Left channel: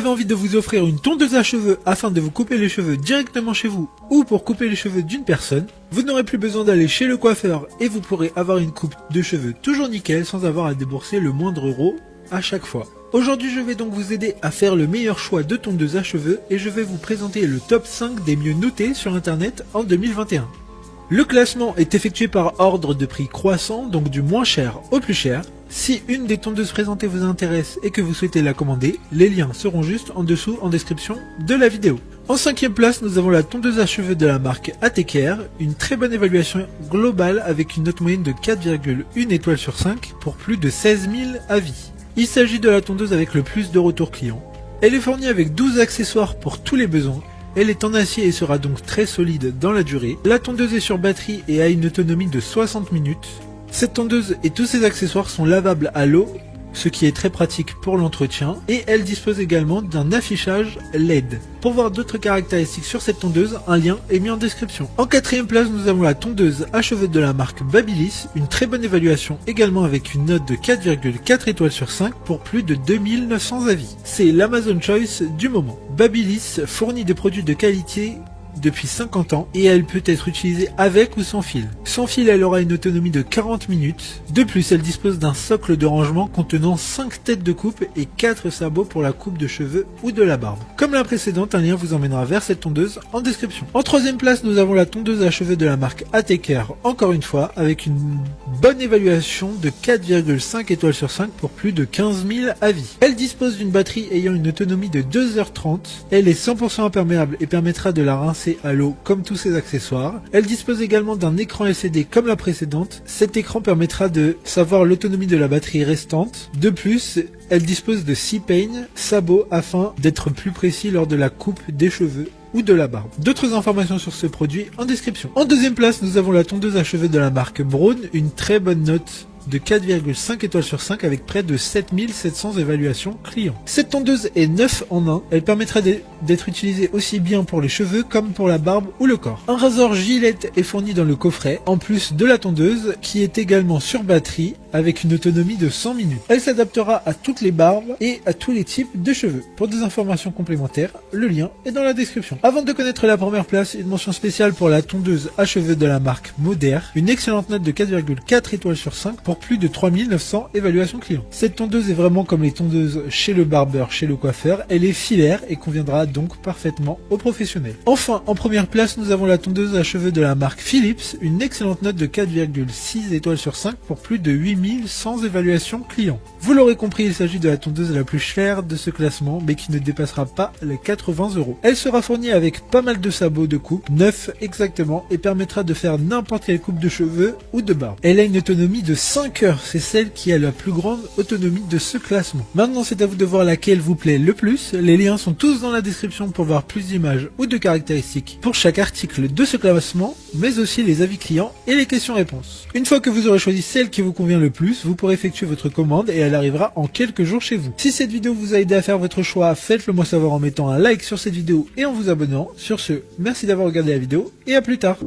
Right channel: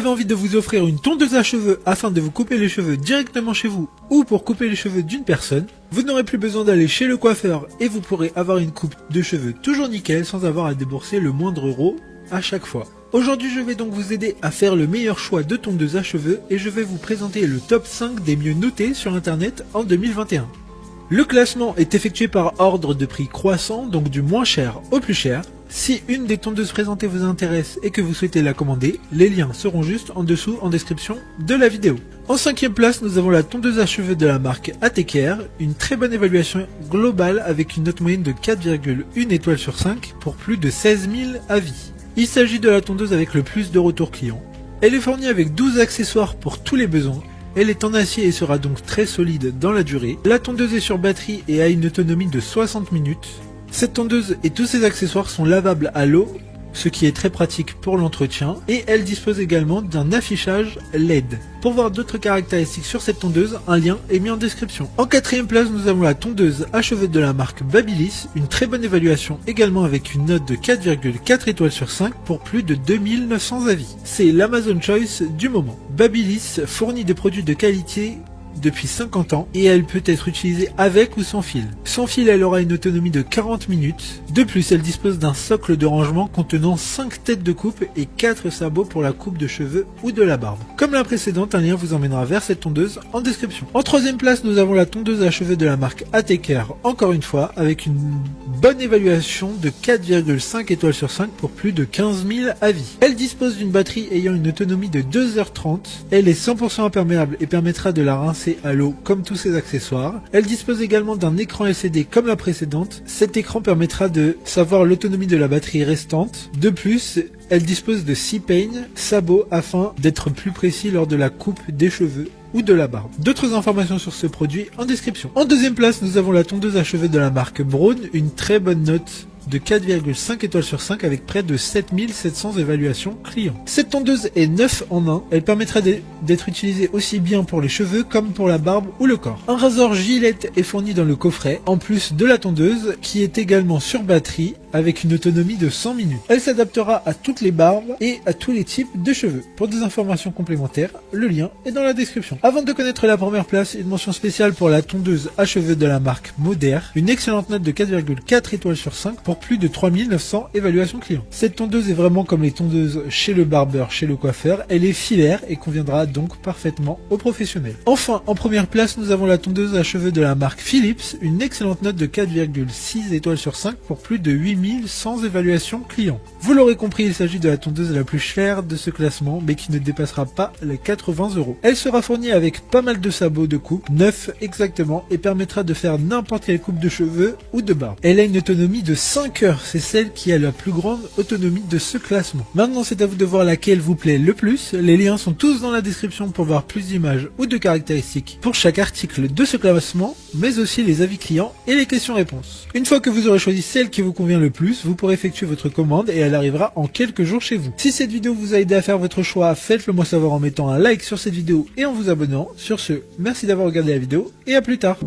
avez envie de vous offrir une tondeuse à cheveux afin de vous couper les cheveux directement chez vous ou pour couper les cheveux d'une personne, vous n'aurez plus besoin d'aller chez le coiffeur et vous pourrez avoir une coupe de cheveux toujours nickel sans avoir à débourser le moindre euro à chaque fois. Aujourd'hui, je vais donc vous aider à faire le meilleur choix de tondeuse à cheveux et je vais vous présenter le top 5 des mieux notés sur internet en 2021. Le classement est effectué par ordre de prix croissant, donc du moins cher au plus cher. Si une des tondeuses présentées vous intéresse et que vous souhaitez la commander, les liens seront juste en dessous en description de la vidéo. En 5e place, nous avons la tondeuse à cheveux de la marque ATKR, une très bonne évaluation globale avec une note moyenne de 4,1 étoiles sur 5 pour plus de 16 000 avis. Il s'agit de la tondeuse avec le plus de retours clients. Elle est fournie avec 12 accessoires pour tous les besoins. Elle est en acier et sera donc très solide dans la durée. La tondeuse est sur batterie et a une autonomie de 60 minutes. Cette tondeuse et tous ses accessoires sont lavables à l'eau, ce qui est très pratique pour l'entretien. Et elle dispose également d'un affichage LED. Pour voir d'autres caractéristiques sur cette tondeuse, un lien est mis en description. En 4e place, nous avons la tondeuse à cheveux de la marque Babyliss. Une très bonne évaluation également avec une note de 4,4 étoiles sur 5 pour plus de 2900 avis. C'est l'Amazon Choice du moment. Babyliss fournit des produits de qualité depuis 50 ans et elle peut être utilisée avec ou sans fil. Sans fil, elle aura une autonomie de 40 minutes. De plus, elle dispose d'un socle de rangement contenant 5 têtes de coupe et 4 sabots pour la coupe de cheveux ou de la barbe. Comme la précédente, un lien vous emmènera vers cette tondeuse en description. En 3e place, nous avons la tondeuse à cheveux de la marque ATKR, encore une fois, avec une bonne évaluation de 4,5 étoiles sur 5 pour plus de 15 000 avis. Elle dispose d'une batterie ayant une autonomie de 2h30. Elle est 100% imperméable et permettra de la rincer à l'eau comme tous ses accessoires. Elle dispose également d'un écran LCD comme la précédente. Cet écran permettra de savoir l'autonomie de la batterie restante. De plus, elle dispose de 6 peignes, sabots afin d'être plus précis lors de la coupe des cheveux ou de la barbe. D'autres informations sur ce produit en description. En 2e place, nous avons la tondeuse à cheveux de la marque Braun, une très bonne note de 4,5 étoiles sur 5 avec près de 7700 évaluations clients. Cette tondeuse est 9 en 1. Elle permettrait d'être utilisée aussi bien pour les cheveux comme pour la barbe ou le corps. Un rasoir Gillette est fourni dans le coffret, en plus de la tondeuse qui est également sur batterie avec une autonomie de 100 minutes. Elle s'adaptera à toutes les barbes et à tous les types de cheveux. Pour des informations complémentaires, le lien est dans la description. Avant de connaître la première place, une mention spéciale pour la tondeuse à cheveux de la marque Moder, une excellente note de 4,4 étoiles sur 5 pour plus de 3900 évaluations clients. Cette tondeuse est vraiment comme les tondeuses chez le barbeur, chez le coiffeur. Elle est filaire et conviendra donc parfaitement aux professionnels. Enfin, en première place, nous avons la tondeuse à cheveux de la marque Philips, une excellente note de 4,6 étoiles sur 5 pour plus de 8100 évaluations clients. Vous l'aurez compris, il s'agit de la tondeuse la plus chère de ce classement, mais qui ne dépassera pas les 80 €. Elle sera fournie avec pas mal de sabots de coupe, 9 exactement, et permettra de faire n'importe quelle coupe de cheveux ou de barbe. Elle a une autonomie de 5 heures, c'est celle qui a la plus grande autonomie de ce classement. Maintenant, c'est à vous de voir laquelle vous plaît le plus. Les liens sont tous dans la description pour voir plus d'images ou de caractéristiques pour chaque article de ce classement, mais aussi les avis clients et les questions-réponses. Une fois que vous aurez choisi celle qui vous convient le plus, vous pourrez effectuer votre commande et elle arrivera en quelques jours chez vous. Si cette vidéo vous a aidé à faire votre choix, faites-le moi savoir en mettant un like sur cette vidéo et en vous abonnant. Sur ce, merci d'avoir regardé la vidéo et à plus tard.